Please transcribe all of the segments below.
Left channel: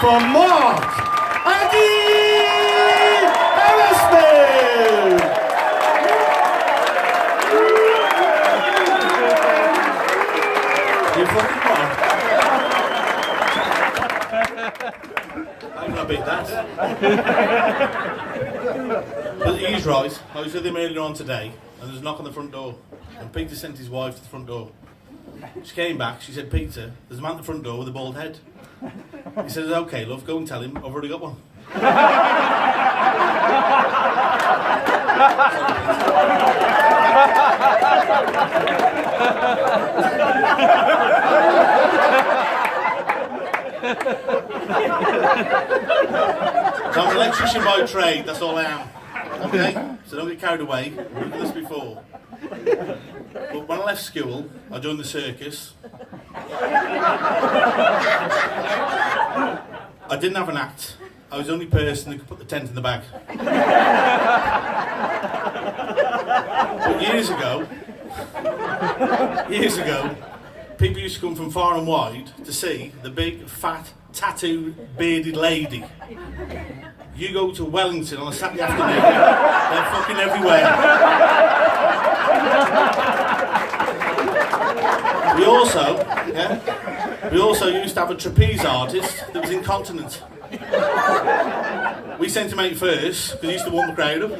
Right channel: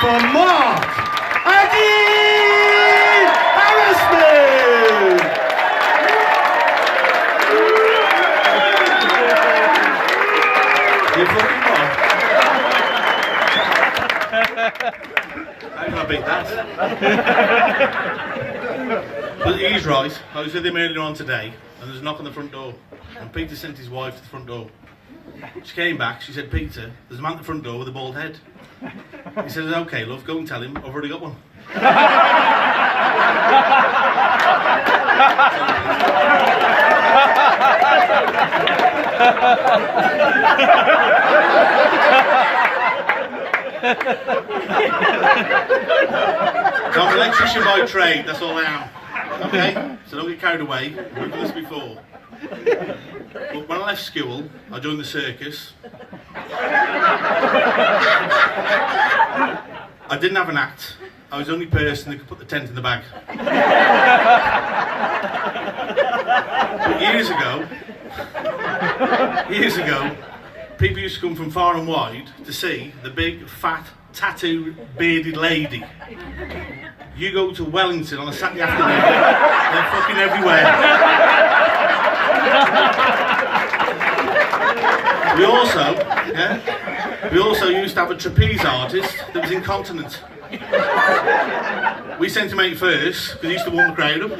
for Mark Aggie Harrisman. You fucking Mark. How can I beat that? But he's right. I was with him earlier on today, and there's a knock on the front door. And Peter sent his wife to the front door. She came back, she said, Peter, there's a man at the front door with a bald head. He said, okay, love, go and tell him, I've already got one. So I'm an electrician by trade, that's all I am. Okay? So don't get carried away. We've done this before. But when I left school, I joined the circus. I didn't have an act. I was the only person that could put the tent in the bag. But years ago, people used to come from far and wide to see the big, fat, tattooed, bearded lady. You go to Wellington on a Saturday afternoon, they're fucking everywhere. We also used to have a trapeze artist that was incontinent. We sent him out first, because he used to warm the crowd up.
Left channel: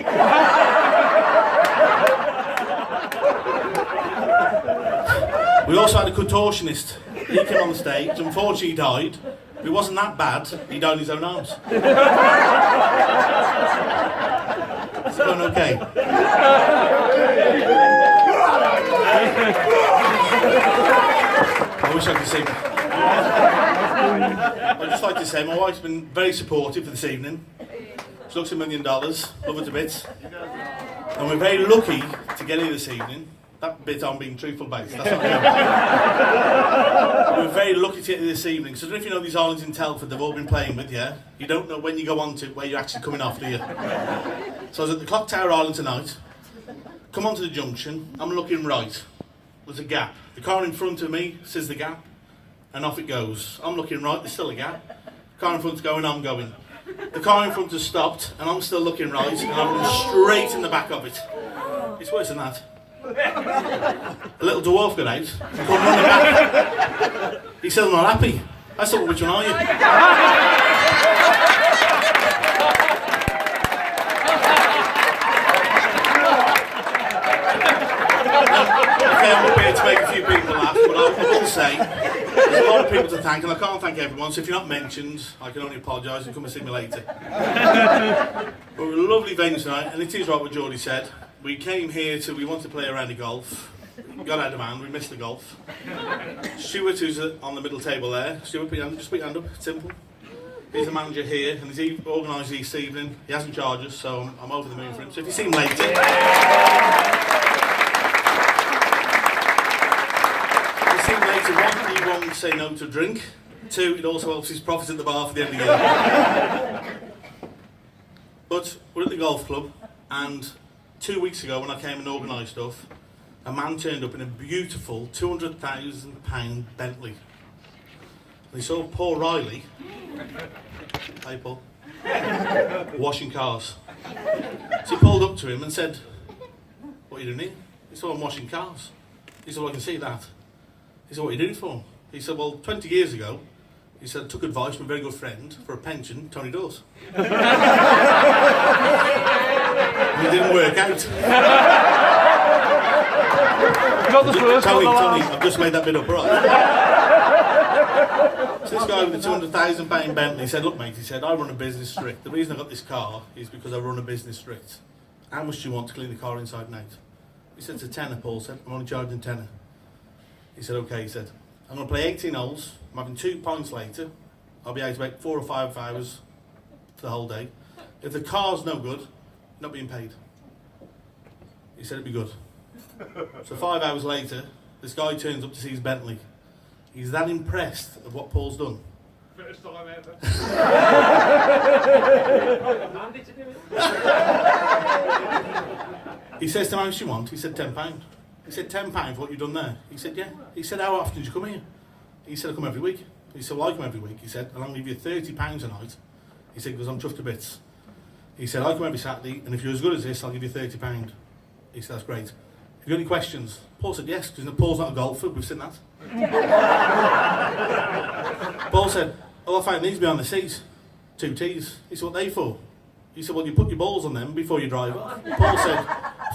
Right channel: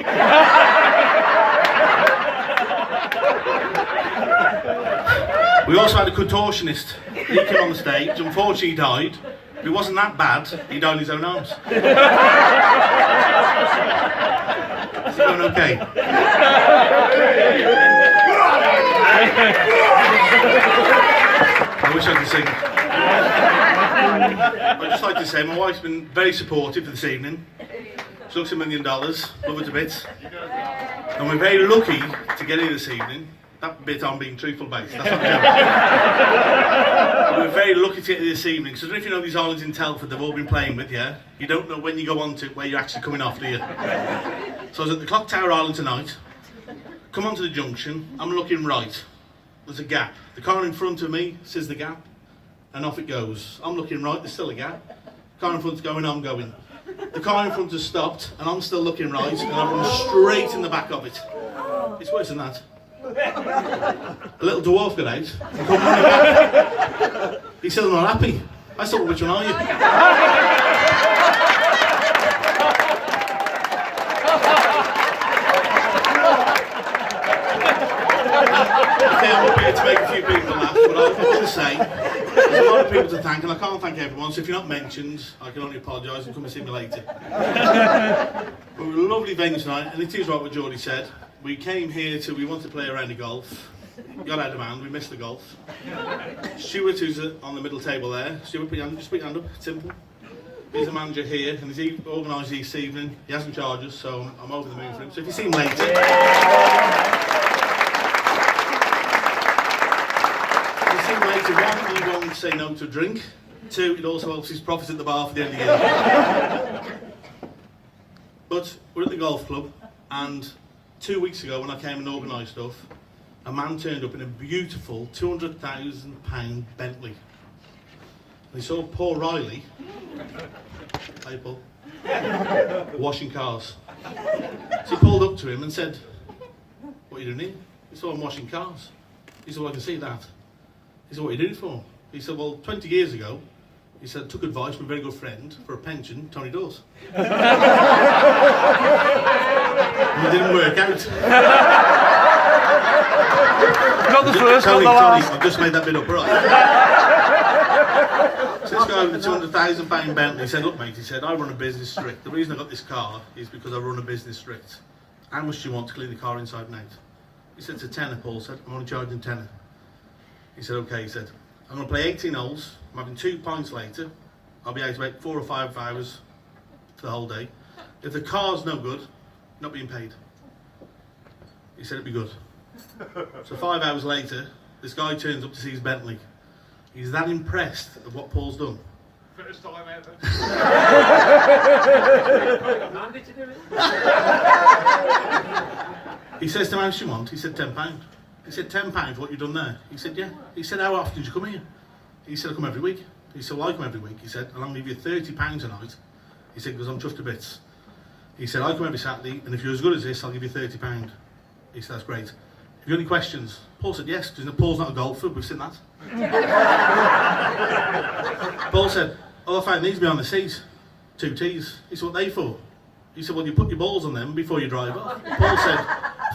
We also had a contortionist. He came on the stage, unfortunately he died. It wasn't that bad, he died in his own arms. Is it going okay? I wish I could sing. I'd just like to say my wife's been very supportive for this evening. She looks $1 million, love her to bits. And we're very lucky to get here this evening. That bit I'm being truthful based, that's not joking. We're very lucky to get here this evening, because if you know these islands in Telford they've all been playing with, yeah? You don't know when you go on to where you're actually coming off, do you? So I was at the Clock Tower Island tonight, come onto the junction, I'm looking right, there's a gap. The car in front of me says the gap, and off it goes. I'm looking right, there's still a gap. Car in front's going, I'm going. The car in front has stopped, and I'm still looking right, and I'm going straight in the back of it. It's worse than that. A little dwarf got out and come running back. He said, I'm not happy. I said, well, which one are you? Okay, I'm up here to make a few people laugh, but I will say, there's a lot of people to thank, and I can't thank everyone, so if you're not mentioned, I can only apologise and come and see me later. But we're a lovely venue tonight, and it is right what Geordie said. We came here we wanted to play a round of golf. Got out of hand, we missed the golf. Stuart, who's on the middle table there. Stuart, just put your hand up, it's simple. He's the manager here, and he's organised this evening. He hasn't charged us, so I'm over the moon for him. So if you see him later... If you see him later, one, he won't say no to drink. Two, it also helps his profits at the bar for the end of the year. But we're at the golf club, and 2 weeks ago when I came and organised stuff, a man turned up in a beautiful £200,000 Bentley. And he saw poor Riley, hey Paul, washing cars. So he pulled up to him and said, what are you doing here? He said, I'm washing cars. He said, well, I can see that. He said, what are you doing it for? He said, well, 20 years ago, he said, I took advice from a very good friend for a pension, Tony Dawes. And it didn't work out. Not the first Tony, one, I've just made that bit up, right? So this guy with the £200,000 Bentley, he said, look mate, he said, I run a business strict. The reason I got this car is because I run a business strict. How much do you want to clean the car inside and out? He said, it's a tenner, Paul said, I'm only charging tenner. He said, okay, he said, I'm going to play 18 holes, I'm having 2 pints later, I'll be out about 4 or 5 hours for the whole day. If the car's no good, you're not being paid. He said it'd be good. So 5 hours later, this guy turns up to see his Bentley. He's that impressed of what Paul's done. First time ever. He says to him, how much do you want? He said £10. He said, £10 for what you've done there? He said, yeah. He said, how often did you come here? He said, I come every week. He said, well, I come every week. He said, and I'm going to give you £30 a night. He said, because I'm chuffed to bits. He said, I come every Saturday, and if you're as good as this, I'll give you £30. He said, that's great. Have you got any questions? Paul said, yes, because Paul's not a golfer, we've seen that. Paul said, oh, I found these behind the seat. 2 tees. He said, what are they for? He said, well, you put your balls on them before you drive off. Paul said,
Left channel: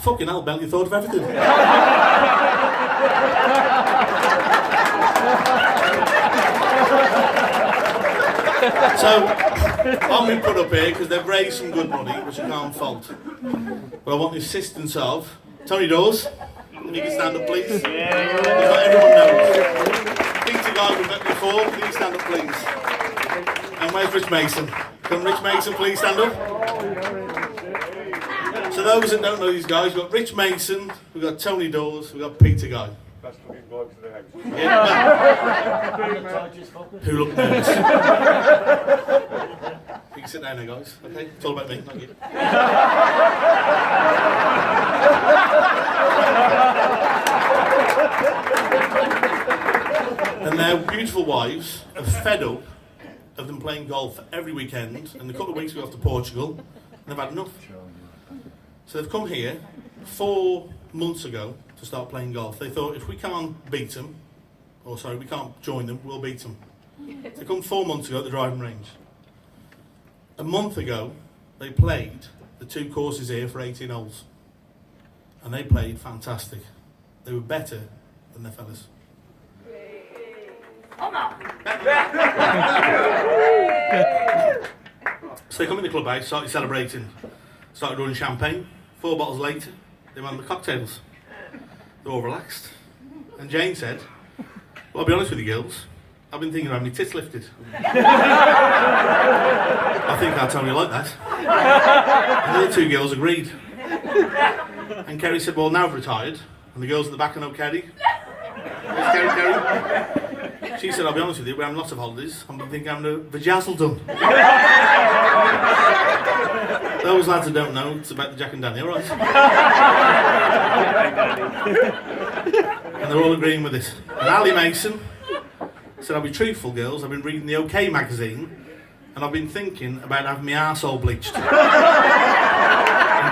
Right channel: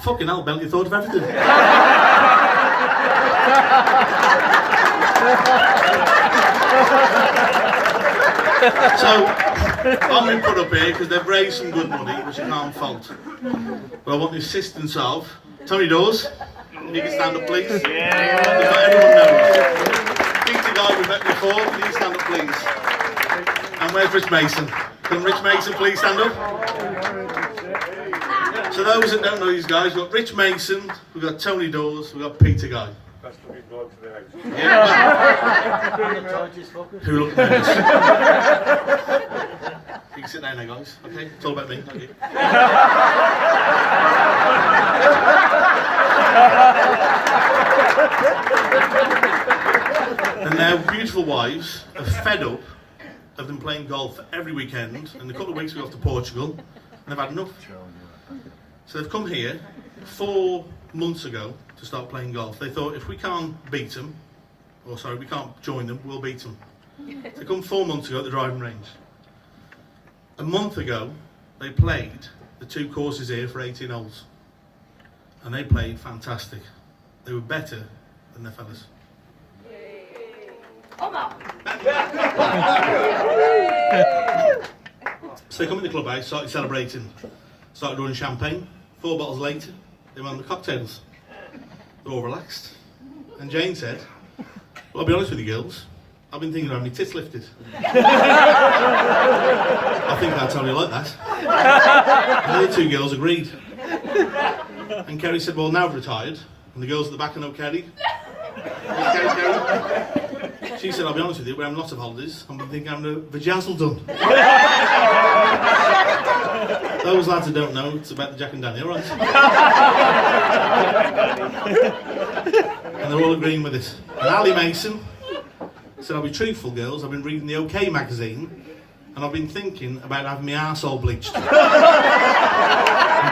fucking hell, Bell, you thought of everything. So, I'm been put up here because they've raised some good money, which I can't fault. But I want the assistance of Tony Dawes. If you can stand up, please. Because not everyone knows. Peter Guy, we've met before. Can you stand up, please? And where's Rich Mason? Can Rich Mason please stand up? So those that don't know these guys, we've got Rich Mason, we've got Tony Dawes, we've got Peter Guy. That's the big bloke to the house. Yeah, who look nervous? You can sit down there, guys. Okay, it's all about me. Thank you. And their beautiful wives are fed up of them playing golf every weekend, and a couple of weeks we go off to Portugal, and they've had enough. So they've come here 4 months ago to start playing golf. They thought if we can't beat them, or sorry, we can't join them, we'll beat them. They come 4 months ago at the driving range. A month ago, they played the 2 courses here for 18 holes, and they played fantastic. They were better than their fellas. So they come in the clubhouse, started celebrating, started running champagne. 4 bottles later, they went on the cocktails. They're all relaxed. And Jane said, well, I'll be honest with you girls, I've been thinking of having my tits lifted. I think I'll tell you like that. And the other 2 girls agreed. And Kerry said, well, now I've retired. And the girls at the back know Kerry. Kerry. She said, I'll be honest with you, we're having lots of holidays. I'm thinking I'm having a vajazzle done. Those lads that don't know, it's about the Jack and Danny, alright? And they're all agreeing with it. And Ali Mason said, I'll be truthful, girls, I've been reading the OK magazine, and I've been thinking about having my arsehole bleached. And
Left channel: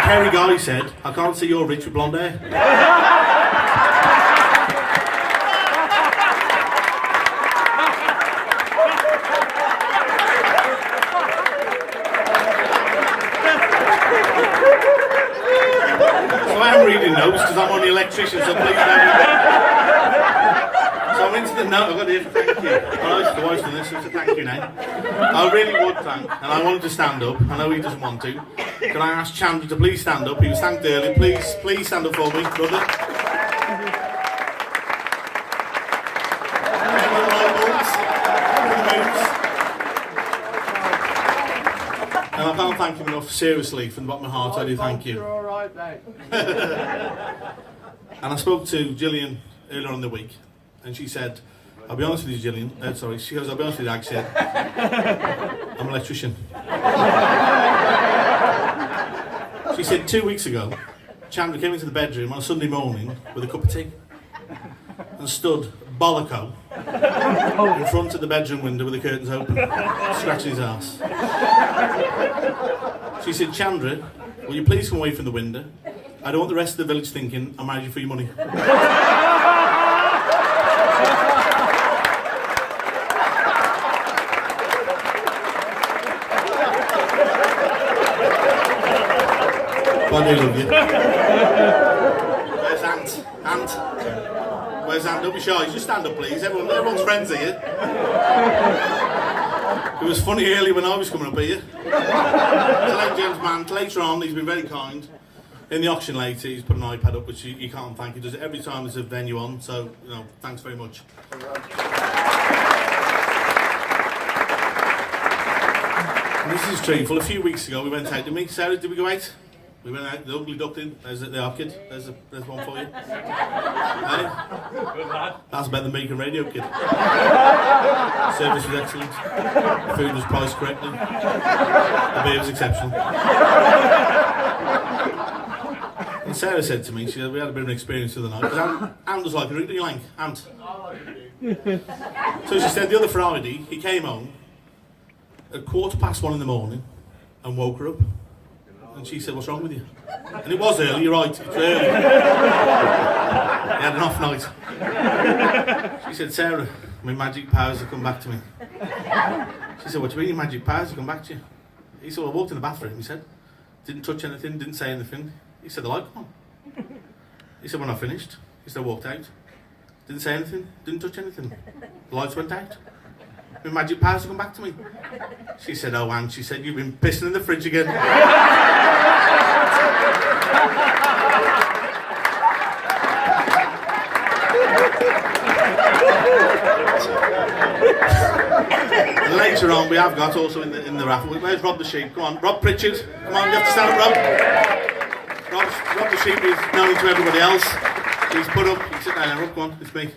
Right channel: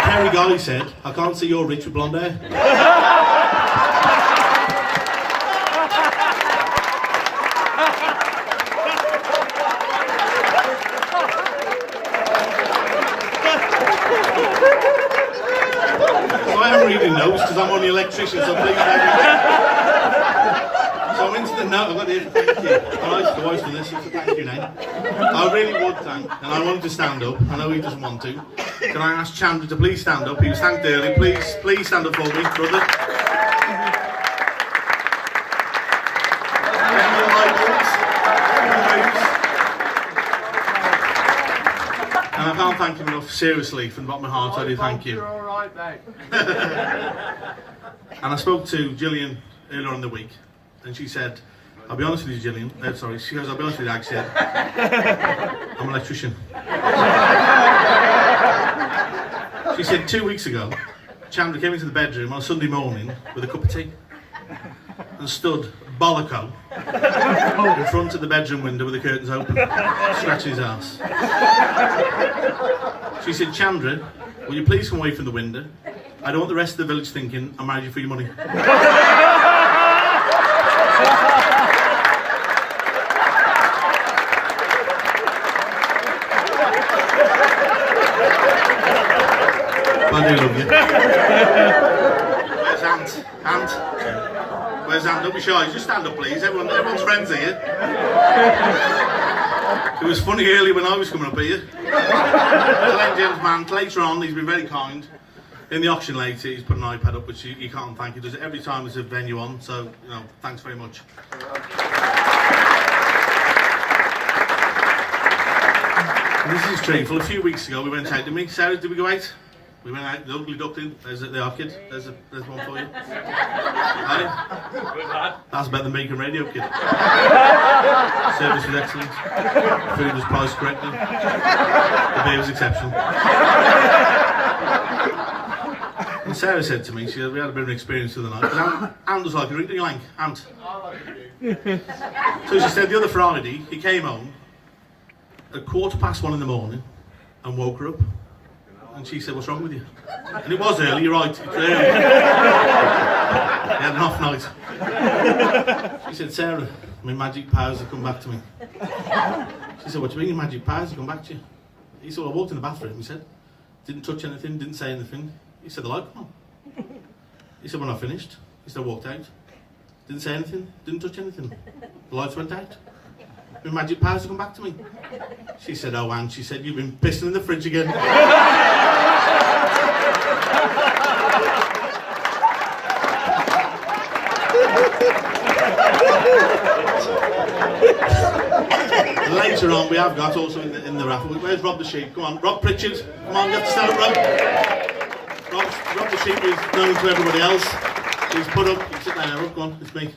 Kerry Guy said, I can't see you're rich with blonde hair. Reading notes because I'm on the Electrician, so please don't. So I'm into the note. I've got here for thank you. The voice for this is a thank you now. I really would thank, and I wanted to stand up. I know he doesn't want to. Can I ask Chandler to please stand up? He was thanked early. Please stand up for me, brother. And I can't thank him enough, seriously, from the bottom of my heart. I do thank you. You're all right, mate. And I spoke to Gillian earlier in the week, and she said, I'll be honest with you, Gillian. She goes, I'll be honest with you, Aggie said, I'm an electrician. She said 2 weeks ago, Chandler came into the bedroom on a Sunday morning with a cup of tea and stood bolloco in front of the bedroom window with the curtains open, scratching his arse. She said, Chandra, will you please come away from the window? I don't want the rest of the village thinking I'm married you for your money. Well, I do love you. Where's Ant? Ant? Where's Ant? Don't be shy. Just stand up, please. Everyone's friends here. It was funny earlier when I was coming up here. The late gentleman, later on, he's been very kind. In the auction later, he's put an iPad up, which you can't thank. He does it every time there's a venue on, so, thanks very much. And this is truthful. A few weeks ago, we went out, didn't we? Sarah, did we go out? We went out, the ugly duckling. There's the orchid. There's one for you. Hey? That's better than Beacon Radio, kid. Service was excellent. Food was priced correctly. The beer was exceptional. And Sarah said to me, we had a bit of an experience the other night. Because Ant was like a drink, didn't you like Ant? I like it. So she said the other Friday, he came home at 1:15 in the morning and woke her up. And she said, what's wrong with you? And it was early, you're right, it's early. He had an off night. She said, Sarah, my magic powers have come back to me. She said, what do you mean your magic powers have come back to you? He said, well, I walked in the bathroom, he said. Didn't touch anything, didn't say anything. He said, the light come on. He said, when I finished, he said, I walked out. Didn't say anything, didn't touch anything. The lights went out. My magic powers have come back to me. She said, oh, Anne, she said, you've been pissing in the fridge again. Later on, we have got also in the raffle. Where's Rob the Sheep? Come on, Rob Pritchard. Come on, you have to stand up, Rob. Rob the Sheep is known to everybody else. He's put up. Sit down there, Rob. Come on, it's me.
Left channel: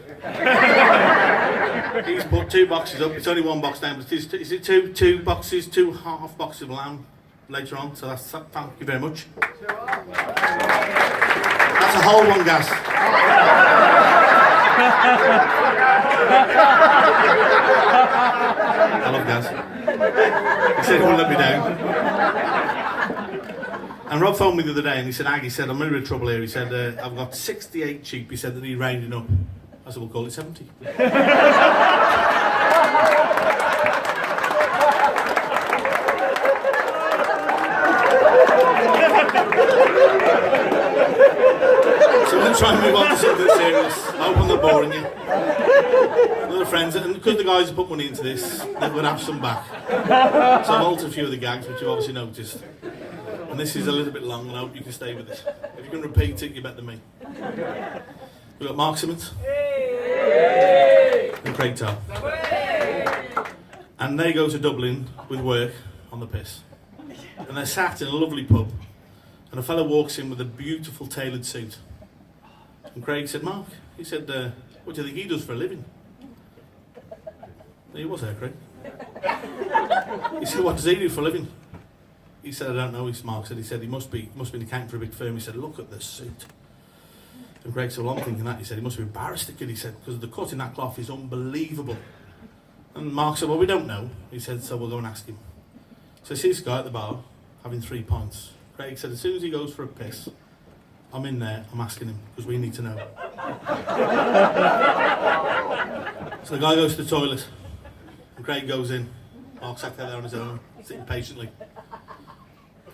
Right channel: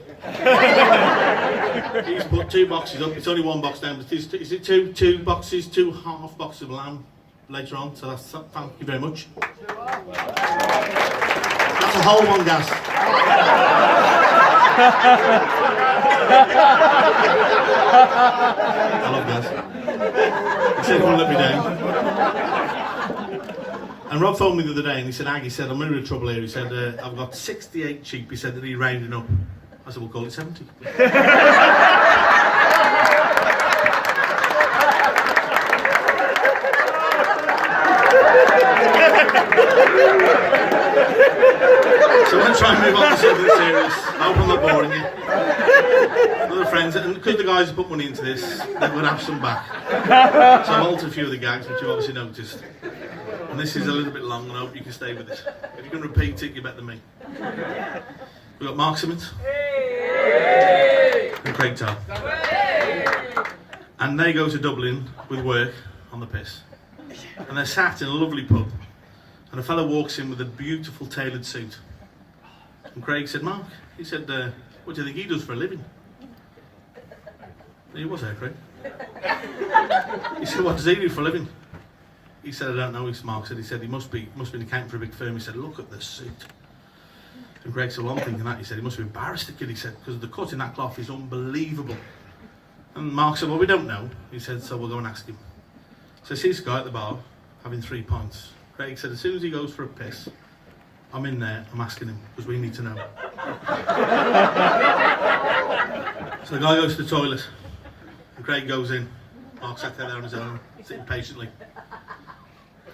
He's put 2 boxes up. It's only 1 box down, but is it two boxes, 2 half boxes of lamb later on? So that's thank you very much. That's a whole one, Gas. I love Gas. He said he wouldn't let me down. And Rob phoned me the other day and he said, Aggie said, I'm in a bit of trouble here. He said, I've got 68 sheep. He said that he rounded up. I said, we'll call it 70. So I'm going to try and move on to something serious. I hope I'm not boring you. Other friends, and because the guys have put money into this, they're going to have some back. So I've altered a few of the gags, which you've obviously noticed. And this is a little bit long, and I hope you can stay with it. If you can repeat it, you're better than me. We've got Mark Simmons and Craig Tarr. And they go to Dublin with work on the piss. And they're sat in a lovely pub, and a fellow walks in with a beautiful tailored suit. And Craig said, Mark, he said, what do you think he does for a living? He was there, Craig. He said, what does he do for a living? He said, I don't know. Mark said, he must be an accountant for a big firm. He said, look at the suit. And Craig said, well, I'm thinking that. He said, he must be embarrassed, the kid. He said, because the cut in that cloth is unbelievable. And Mark said, well, we don't know. He said, so we'll go and ask him. So I see this guy at the bar having 3 pints. Craig said, as soon as he goes for a piss, I'm in there, I'm asking him, because we need to know. So the guy goes to the toilet, and Craig goes in. Mark sat there on his own, sitting patiently.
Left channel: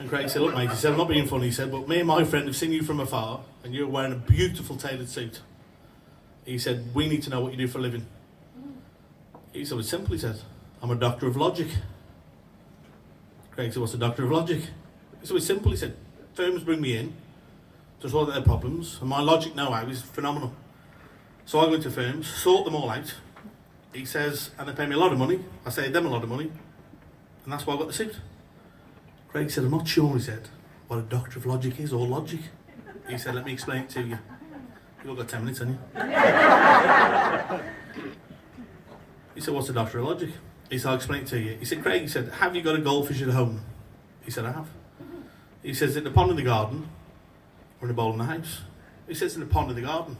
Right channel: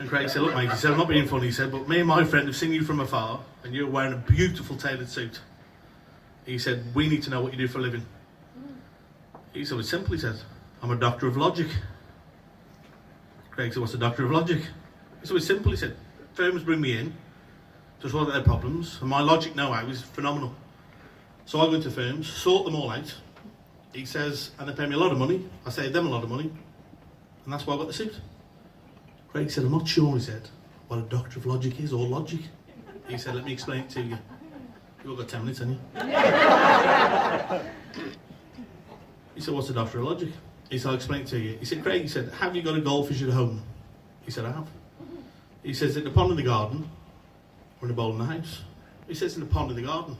And Craig said, look mate, he said, I'm not being funny, he said, but me and my friend have seen you from afar, and you're wearing a beautiful tailored suit. He said, we need to know what you do for a living. He said, it's simple, he said, I'm a doctor of logic. Craig said, what's a doctor of logic? He said, it's simple, he said, firms bring me in, just work out their problems, and my logic know-how is phenomenal. So I go into firms, sort them all out. He says, and they pay me a lot of money. I say them a lot of money, and that's why I got the suit. Craig said, I'm not sure, he said, what a doctor of logic is, or logic. He said, let me explain it to you. You've all got 10 minutes, haven't you? He said, what's a doctor of logic? He said, I'll explain it to you. He said, Craig, he said, have you got a goldfish at home? He said, I have. He says, in the pond in the garden, or in a bowl in the house? He says, in the pond in the garden.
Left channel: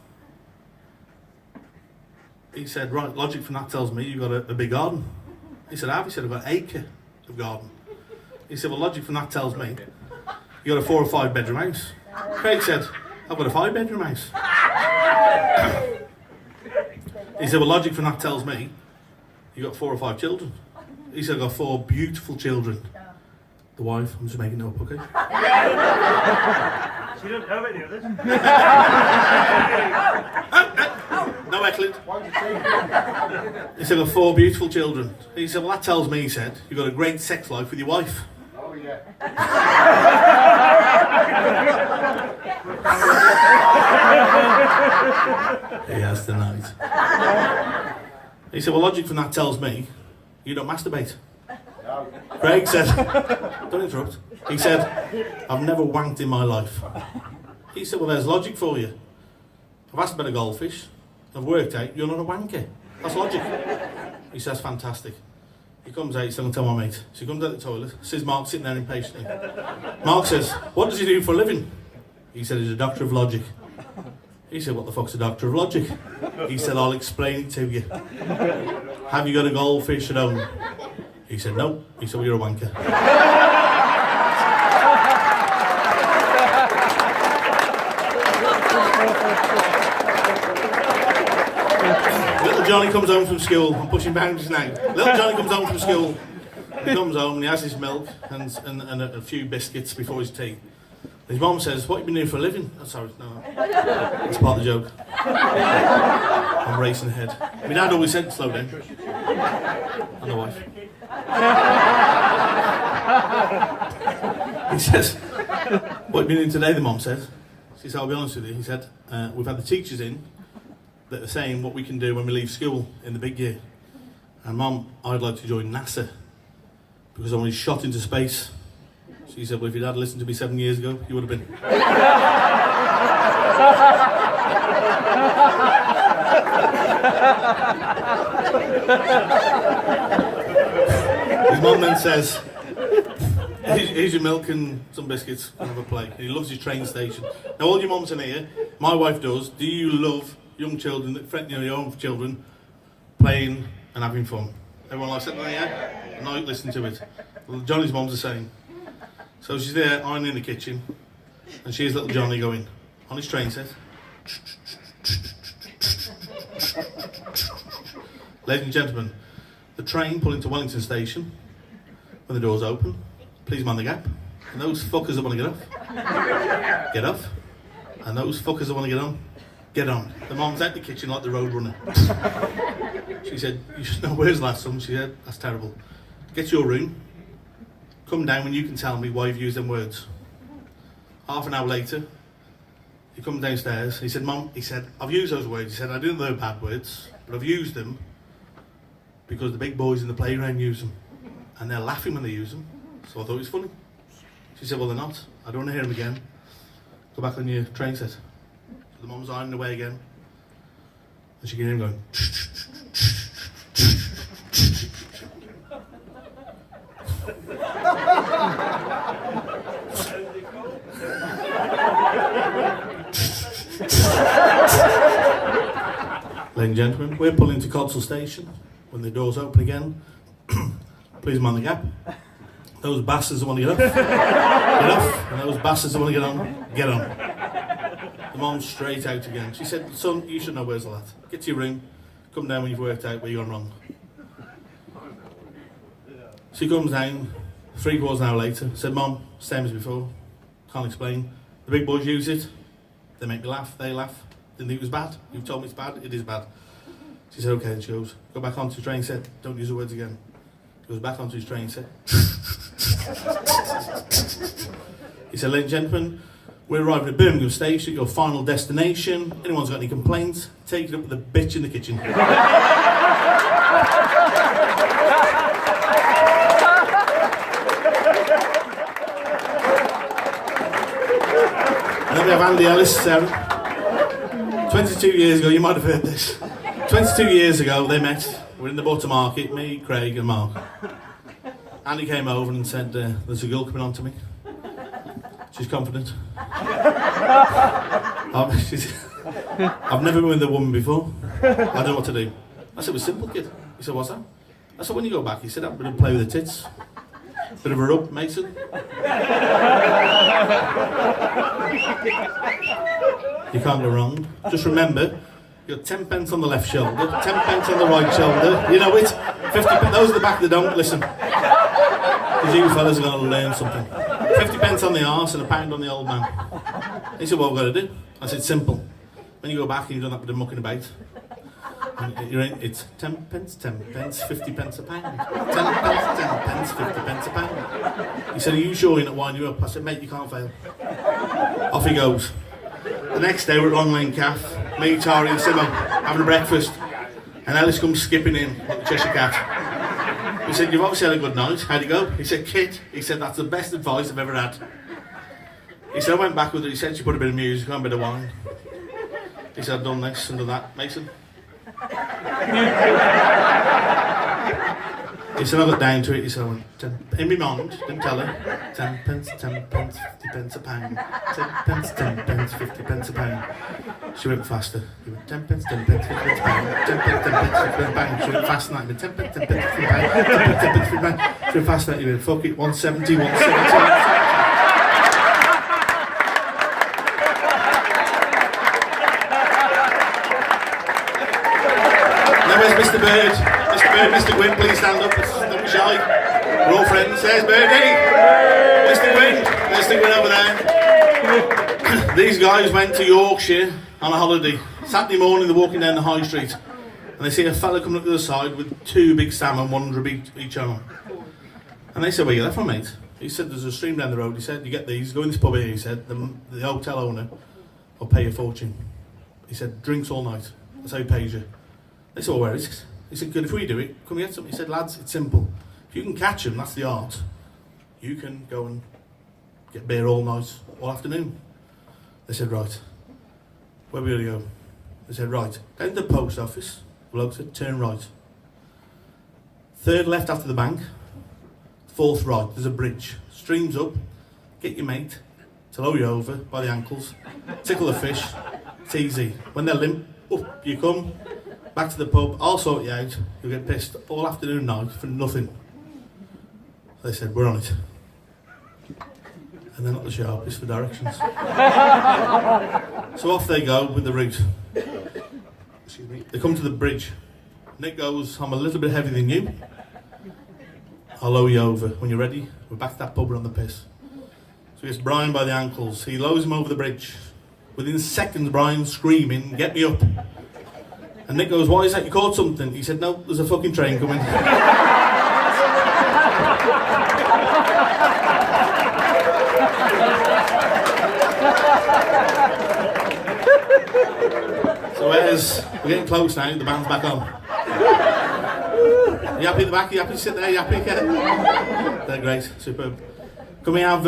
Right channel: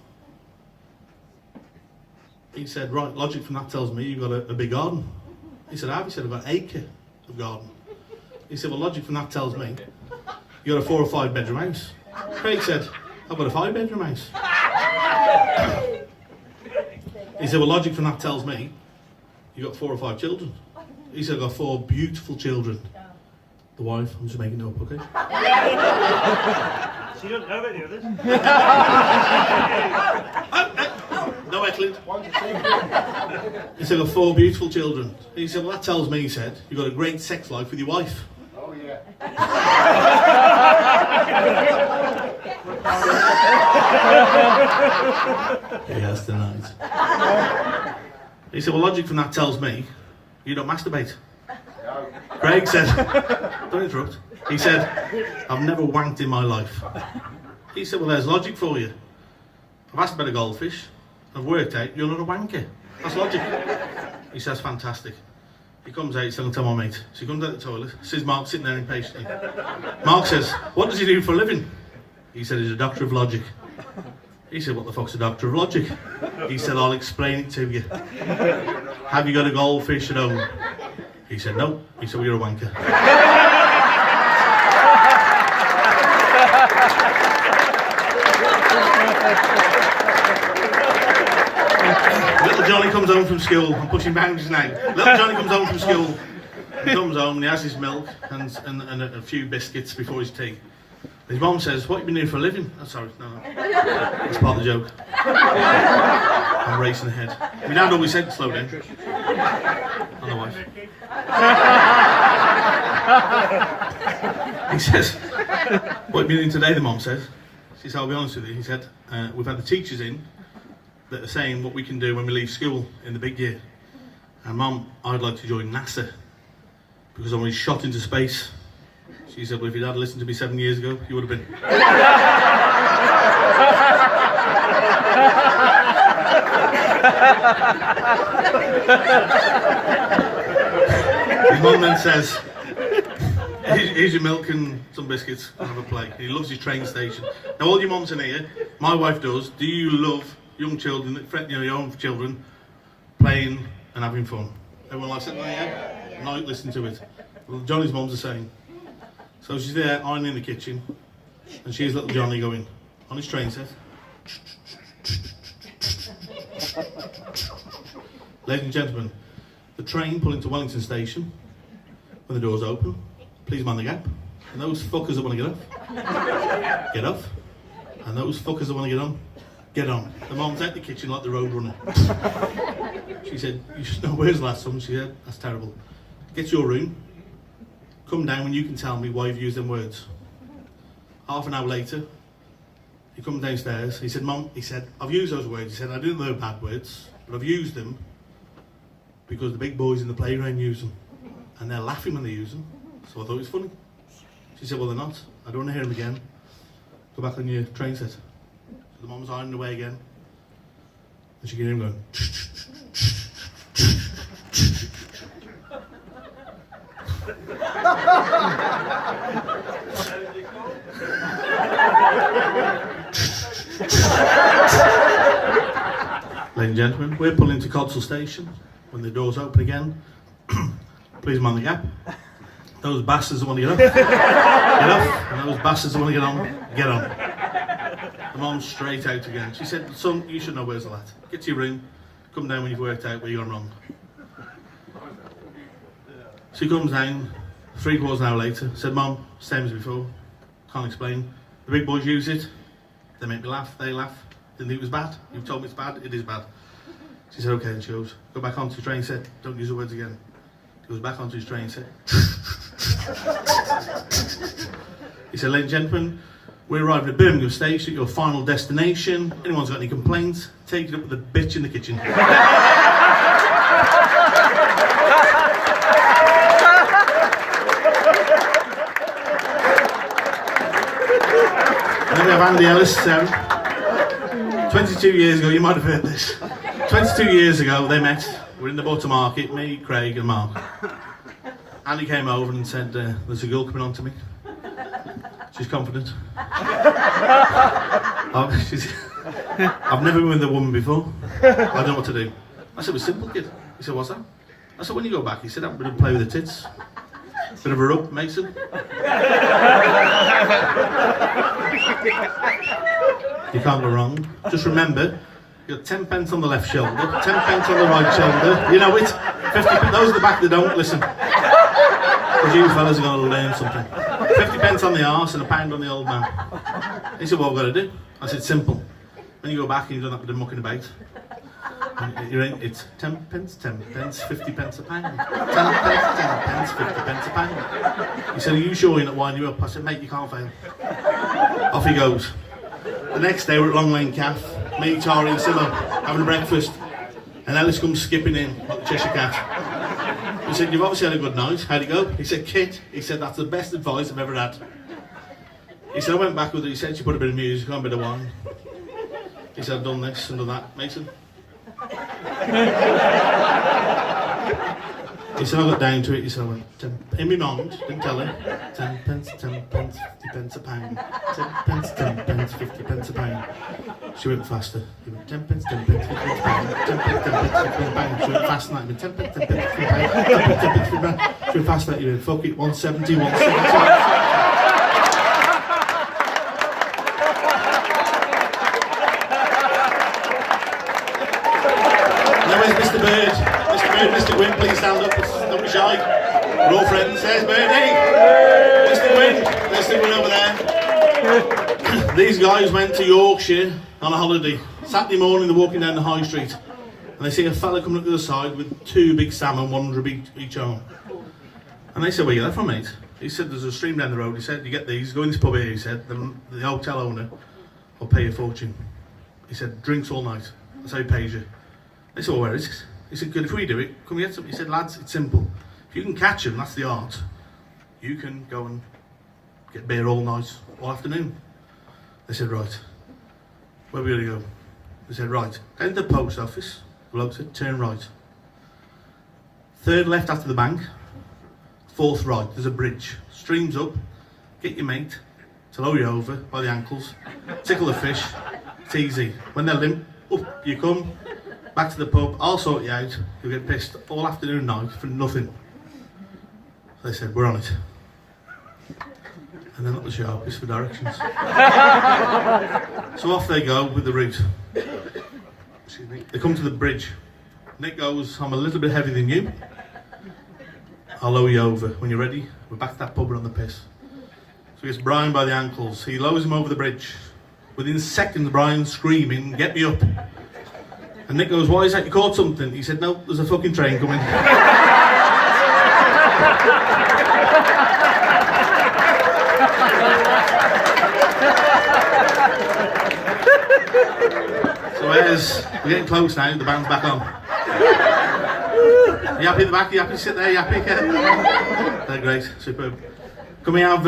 He said, right, logic from that tells me you've got a big garden. He said, I have. He said, I've got an acre of garden. He said, well, logic from that tells me you got a 4 or 5 bedroom house. Craig said, I've got a 5 bedroom house. He said, well, logic from that tells me you got 4 or 5 children. He said, I've got 4 beautiful children. The wife, I'm just making it up, okay? She don't know any others. No heckling. He said, I've got 4 beautiful children. He said, well, that tells me, he said, you've got a great sex life with your wife. Oh, yeah. He has tonight. He said, well, logic from that tells me you don't masturbate. No. Craig said, don't interrupt. He said, I've never wanked in my life. He said, well, there's logic for you. I've asked about a goldfish. I've worked out you're not a wanker. That's logic. He says, fantastic. He comes out, he's going to tell my mate. So he comes out the toilet, sees Mark sitting there impatiently. Mark says, what does he do for a living? He said, he's a doctor of logic. He said, what the fuck's a doctor of logic? He said, I'll explain it to you. Have you got a goldfish at home? He said, no. He said, well, you're a wanker. Little Johnny comes home from school. I'm pushing boundaries now. Little Johnny comes home from school. He comes home and he has his milk and a few biscuits before his tea. His mum says, what have you been doing for a living? Oh, sorry, no. That's part of the joke. I'm racing ahead. My dad always said, slow down. And the wife. He says, what have you been doing today, the mum says. She said, I'll be honest with you. He said, we've had the teachers in that are saying what we can do when we leave school in the big year. And Mum, I'd like to join NASA because I'm shot into space. She said, well, if your dad listened to me 7 years ago, you would have been. His mum then says, here's your milk and some biscuits, and have a play. He loves his train station. Now all your mums in here, my wife does, do you love young children, your own children, playing and having fun? Everyone likes it, yeah? No, listen to it. Well, Johnny's mum's the same. So she's there ironing in the kitchen, and she's little Johnny going on his train set. Ladies and gentlemen, the train pulling to Wellington Station. When the doors open, please mind the gap. And those fuckers that want to get off. And those fuckers that want to get on. The mum's out the kitchen like the road runner. She said, you should know where's the last one. She said, that's terrible. Get to your room. Come down when you can tell me why you've used them words. Half an hour later, he comes downstairs. He said, Mum, he said, I've used those words. He said, I didn't know they're bad words, but I've used them because the big boys in the playground use them. And they're laughing when they use them. So I thought it was funny. She said, well, they're not. I don't want to hear them again. Go back on your train set. So the mum's ironing away again. And she can hear him going, Ladies and gentlemen, we're pulling into Codsall Station. When the doors open again, please mind the gap. Those bastards that want to get off, get off. And those bastards that want to get on. The mum's straight out again. She said, son, you should know where's the lad. Get to your room, come down when you've worked out where you've gone wrong. She comes down, 3/4 an hour later, said, Mum, same as before, can't explain. The big boys use it, they make me laugh, they laugh. Didn't think it was bad. You've told me it's bad, it is bad. She said, okay, and she goes, go back onto the train set, don't use the words again. He goes back onto his train set. He said, ladies and gentlemen, we're arriving at Birmingham Station, your final destination. Anyone's got any complaints, take it up with the bitch in the kitchen. And then we have Andy Ellis, Sarah. 22 years ago, you might have heard this. 22 years ago, they met. We're in the butter market, me, Craig and Mark. Andy came over and said, there's a girl coming on to me. She's confident. I've never been with a woman before. I don't know what to do. I said, it was simple, kid. He said, what's that? I said, when you go back, he said, I'm going to play with the tits. Bit of a rub, Mason. You can't go wrong. Just remember, you've got 10 pence on the left shoulder, 10 pence on the right shoulder. You know it. 50 pence. Those at the back that don't listen. Because you fellas are going to learn something. 50 pence on the arse and £1 on the old man. He said, what have I got to do? I said, simple. When you go back and you've done that bit of mucking about, it's 10 pence, 50 pence a pound. 10 pence, 10 pence, 50 pence a pound. He said, are you sure you're not winding you up? I said, mate, you can't fail. Off he goes. The next day we're at Long Lane Caff, me, Tari and Simo, having breakfast. And Ellis comes skipping in like the Cheshire Cat. He said, you've obviously had a good night. How'd it go? He said, kid, he said, that's the best advice I've ever had. He said, I went back with her. He said, she put a bit of music on, a bit of wine. He said, I've done this and done that. Mason? He said, I got down to it. He said, I went, in my mind, didn't tell her, 10 pence, 50 pence a pound. 10 pence, 50 pence a pound. She went faster. He went 10 pence, 10 pence, 10 pence, bang, 10 pence, 10 pence, 10 pence, bang. She went faster than that. He went 10 pence, 10 pence, 10 pence, bang, 10 pence, 10 pence, 10 pence. She went faster than that. He went, fuck it, 170, 170. Now where's Mr. Bird? Mr. Bird, Mr. Gwyn, please stand up. Don't be shy. We're all friends. There's Birdie. Mr. Gwyn. There's the Gwyn over there. These guys went to Yorkshire on a holiday. Saturday morning, they're walking down the high street. And they see a fella coming up the other side with 2 big salmon, 100 each arm. And they said, where you get that from, mate? He said, there's a stream down the road. He said, you get these, go in this pub here, he said, the hotel owner will pay you a fortune. He said, drinks all night. That's how he pays you. They said, well, where is it? He said, good, if we do it, come get some. He said, lads, it's simple. If you can catch them, that's the art. You can go and get beer all night, all afternoon. They said, right. Where are we going to go? They said, right. Down to the post office. The bloke said, turn right. 3rd left after the bank. 4th right. There's a bridge. Streams up. Get your mate to lower you over by the ankles. Tickle the fish. It's easy. When they're limp, up you come. Back to the pub. I'll sort you out. You'll get pissed all afternoon night for nothing. So they said, we're on it. And they're not the sharpest for directions. So off they go with the route. Excuse me. They come to the bridge. Nick goes, I'm a little bit heavier than you. I'll lower you over. When you're ready, we're back to that pub, we're on the piss. So he gets Brian by the ankles. He lowers him over the bridge. Within seconds, Brian's screaming, get me up. And Nick goes, why is that? You caught something? He said, no, there's a fucking train coming. So we're getting close now, the band's back on. You happy at the back? You happy to sit there? You happy? They're great, superb. Can we have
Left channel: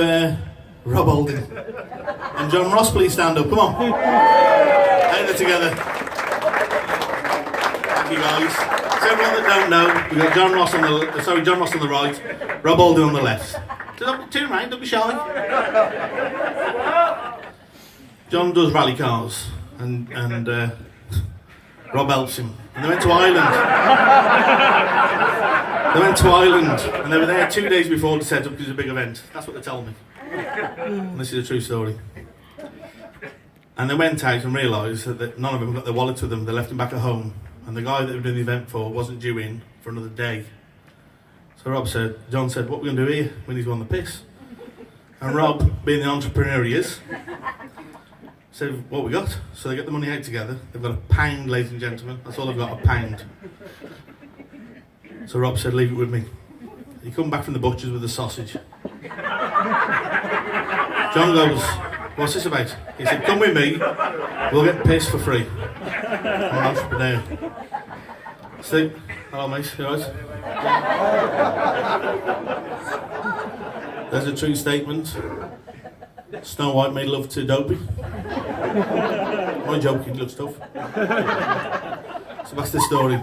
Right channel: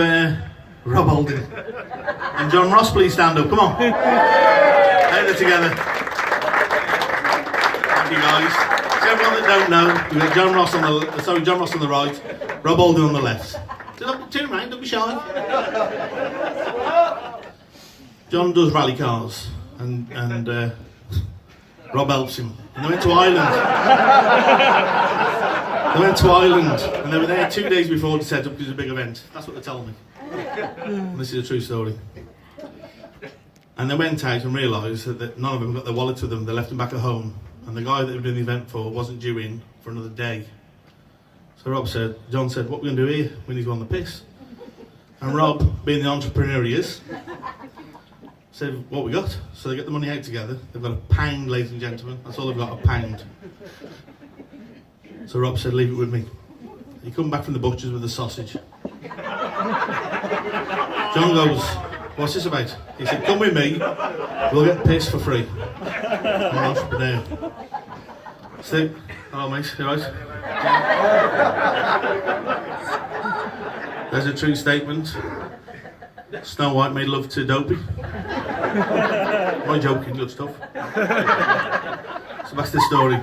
Rob Holding and John Ross please stand up? Come on. Out there together. Thank you guys. So everyone that don't know, we've got John Ross on the right, Rob Holding on the left. Turn around, don't be shy. John does rally cars and Rob helps him. And they went to Ireland. And they were there 2 days before to set up this big event. That's what they told me. And this is a true story. And they went out and realised that none of them got their wallets with them. They left them back at home. And the guy that they were doing the event for wasn't due in for another day. So John said, what are we going to do here? We need to go on the piss. And Rob, being the entrepreneur he is, said, what we got? So they get the money out together. They've got £1, ladies and gentlemen. That's all they've got, £1. So Rob said, leave it with me. He come back from the butcher's with a sausage. John goes, what's this about? He said, come with me, we'll get pissed for free. I'm an entrepreneur. So, hello mate, you right? There's a true statement. Snow White made love to Dopey. I'm joking, good stuff. So that's the story.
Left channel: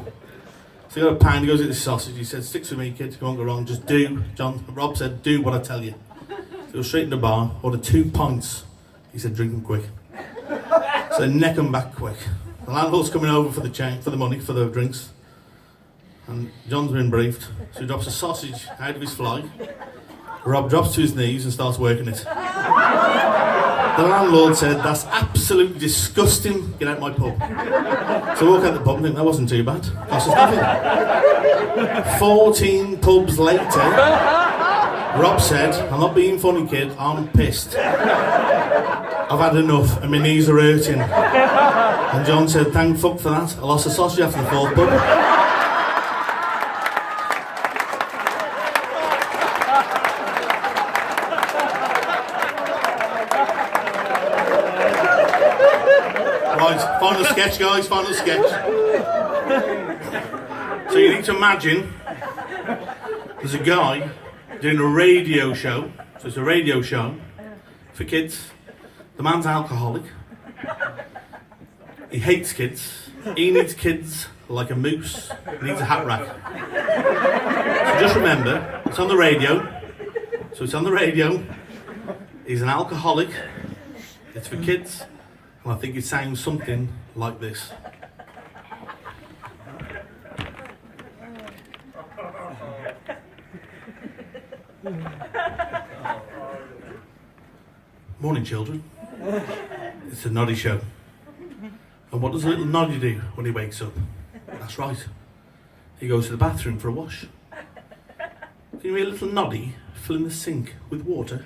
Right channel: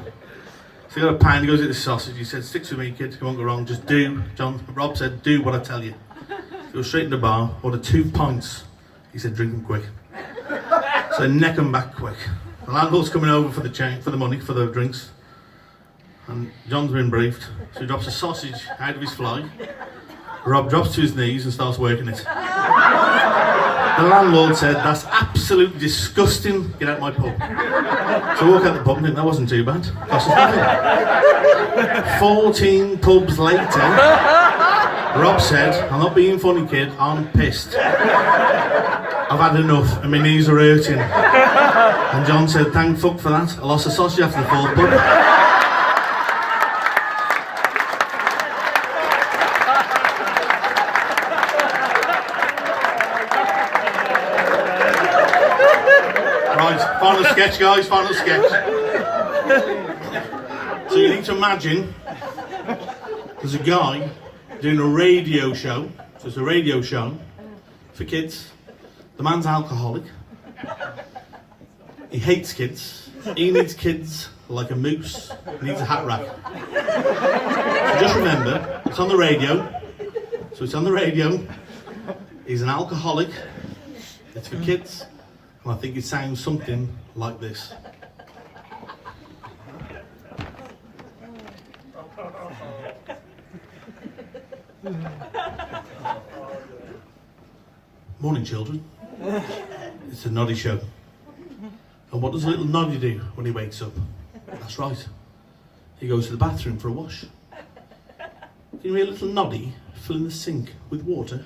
So he got £1, he goes at the sausage, he said, sticks with me kid, you won't go wrong, just do. Rob said, do what I tell you. So he goes straight in the bar, ordered 2 pints. He said, drink them quick. So they neck them back quick. The landlord's coming over for the money, for the drinks. And John's been briefed, so he drops a sausage out of his fly. Rob drops to his knees and starts working it. The landlord said, that's absolutely disgusting, get out of my pub. So I walk out the pub and think, that wasn't too bad. Cost us nothing. 14 pubs later, Rob said, I'm not being funny kid, I'm pissed. I've had enough and my knees are hurting. And John said, thank fuck for that. I lost a sausage after the 4th pub. Right, final sketch guys, final sketch. So you need to imagine there's a guy doing a radio show. So it's a radio show for kids. The man's alcoholic. He hates kids. He needs kids like a moose. He needs a hat rack. So just remember, it's on the radio. So it's on the radio. He's an alcoholic. It's for kids. And I think it sounds something like this. Morning, children. It's the Noddy Show. And what does a little Noddy do when he wakes up? That's right. He goes to the bathroom for a wash. Can you hear a little Noddy filling the sink with water?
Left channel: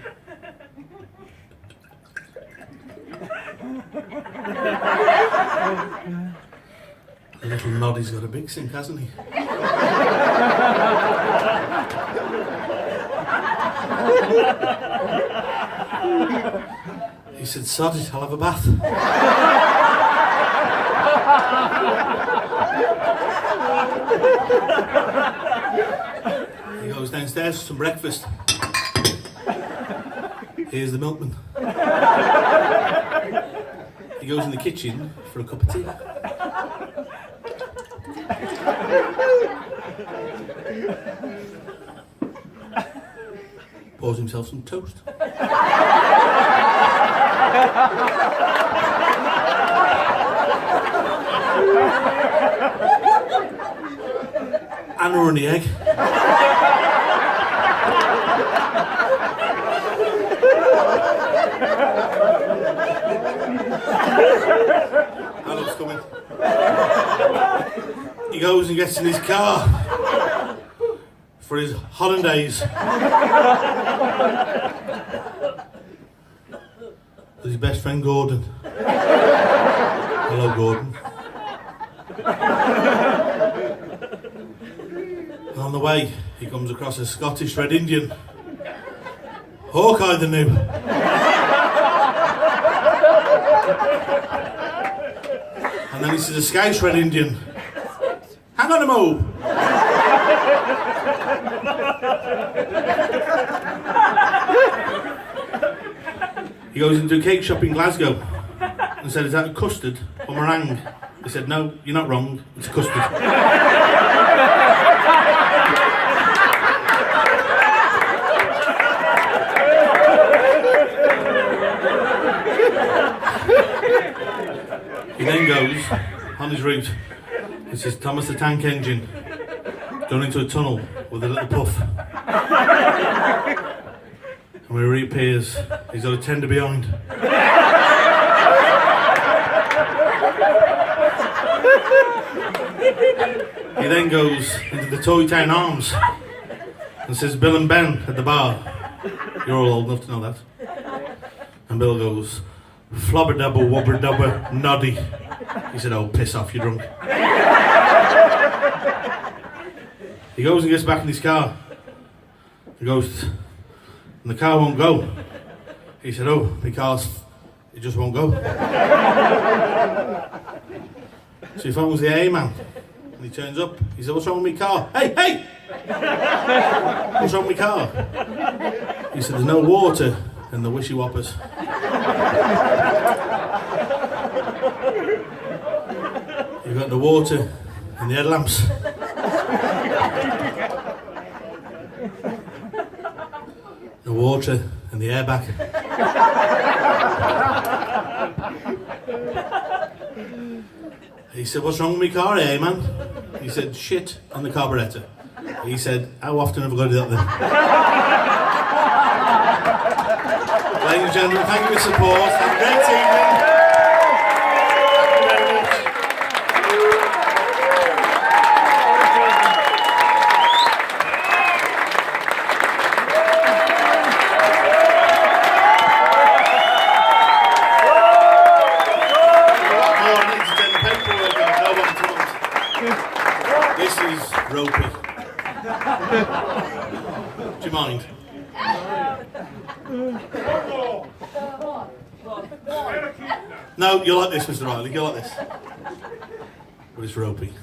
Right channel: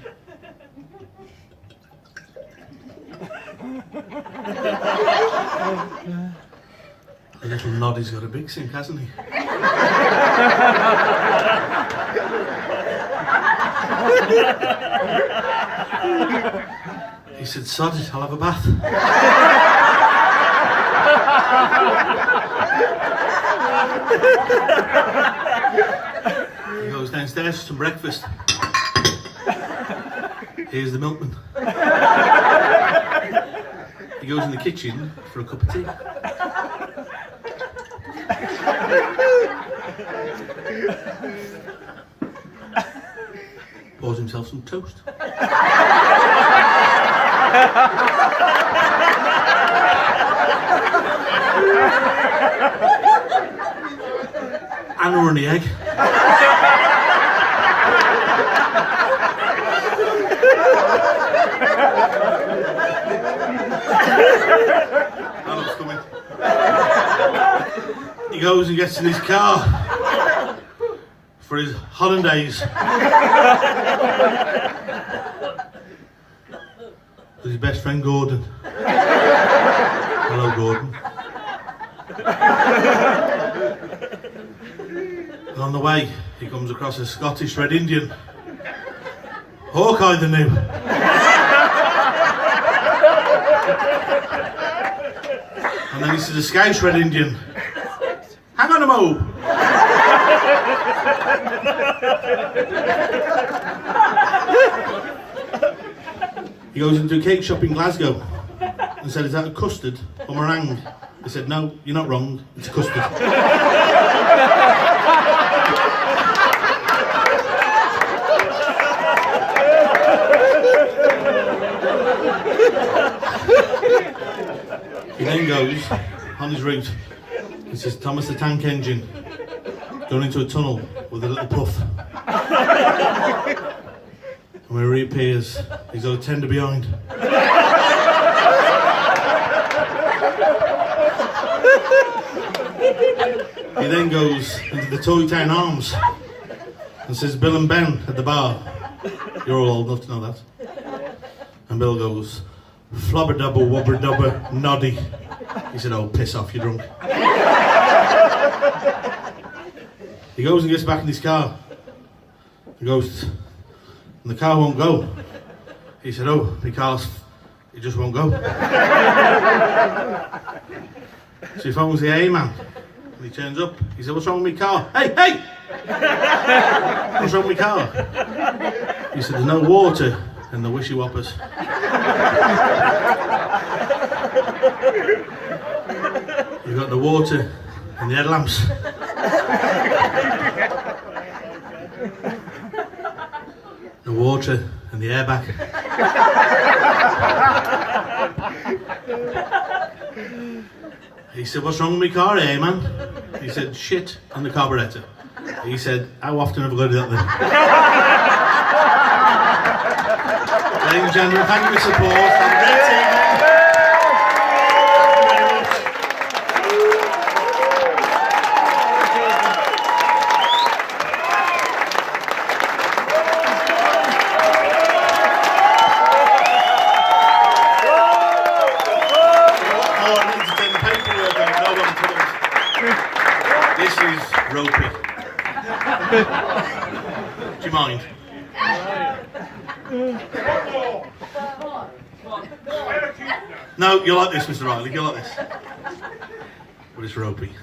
The little Noddy's got a big sink, hasn't he? He said, sod it, I'll have a bath. He goes downstairs for some breakfast. Here's the milkman. He goes in the kitchen for a cup of tea. Pours himself some toast. And a runny egg. That looks coming. He goes and gets in his car for his holidays. With his best friend Gordon. Hello, Gordon. And on the way, he comes across a Scottish Red Indian. Hawkeye the new. And then he sees a Scouse Red Indian. Hang on a mo. He goes into a cake shop in Glasgow and said, is that a custard or meringue? He said, no, you're not wrong, it's a custard. He then goes on his route. It says Thomas the Tank Engine going into a tunnel with a little puff. And when he reappears, he's got a tender behind. He then goes into the Toy Town Arms and says Bill and Ben at the bar. You're all old enough to know that. And Bill goes, flubber double wobber dubber noddy. He said, oh, piss off, you're drunk. He goes and gets back in his car. He goes, and the car won't go. He said, oh, my car's, it just won't go. So he phones the A man. And he turns up. He said, what's wrong with my car? Hey, hey! What's wrong with my car? He said, there's no water in the wishy whoppers. You've got the water and the headlamps. The water and the airbag. He said, what's wrong with my car, eh, man? He said, shit on the carburettor. He said, how often have I got to do that then? Ladies and gentlemen, thank you for your support. Have a great evening. This is ropey. Do you mind? No, you're like this, Mr. Riley, you're like this. But it's ropey.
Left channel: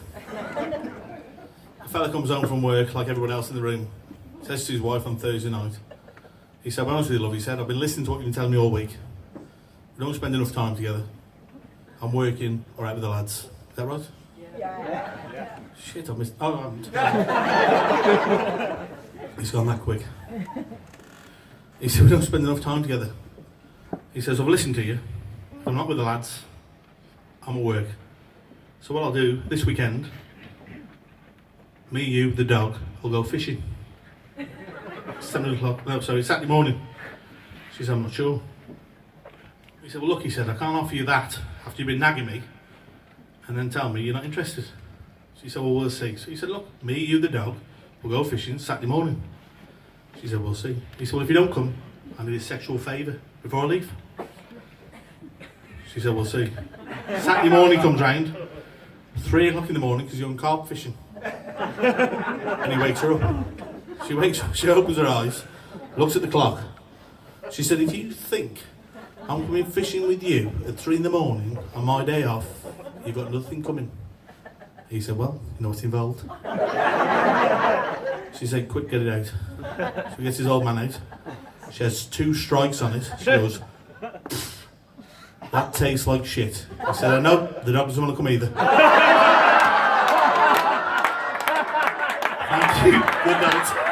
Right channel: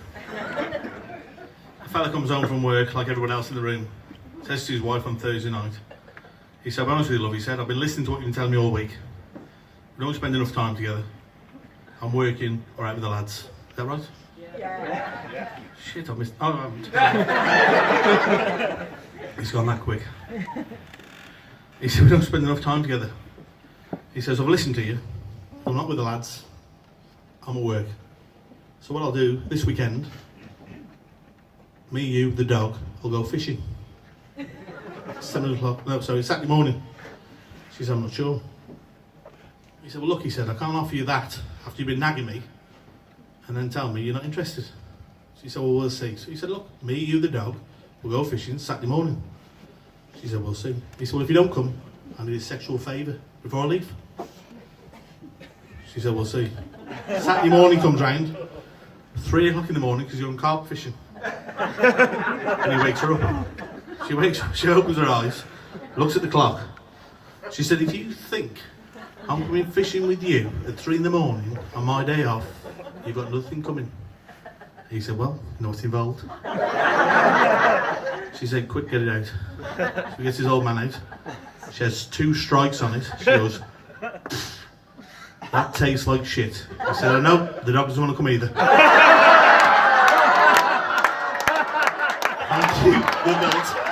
A fella comes home from work, like everyone else in the room, says to his wife on Thursday night, he said, I'm honest with you, love, he said, I've been listening to what you've been telling me all week. We don't spend enough time together. I'm working or out with the lads. Is that right? Yeah. Shit, I missed. Oh, I haven't. He's gone that quick. He said, we don't spend enough time together. He says, I've listened to you. I'm not with the lads. I'm at work. So what I'll do this weekend, me, you, the dog, will go fishing. 7 o'clock, no, sorry, Saturday morning. She said, I'm not sure. He said, well look, he said, I can't offer you that after you've been nagging me and then tell me you're not interested. She said, well, we'll see. So he said, look, me, you, the dog, we'll go fishing Saturday morning. She said, we'll see. He said, well, if you don't come, I need a sexual favour before I leave. She said, we'll see. Saturday morning comes round, 3 o'clock in the morning, because you're on carp fishing. And he wakes her up. She wakes up, she opens her eyes, looks at the clock. She said, if you think I'm coming fishing with you at 3 in the morning on my day off, you've got nothing coming. He said, well, you know what's involved. She said, quick, get it out. So he gets his old man out. She has 2 strikes on it. She goes, that tastes like shit. I said, I know, the dog doesn't want to come either. Thank you, good night.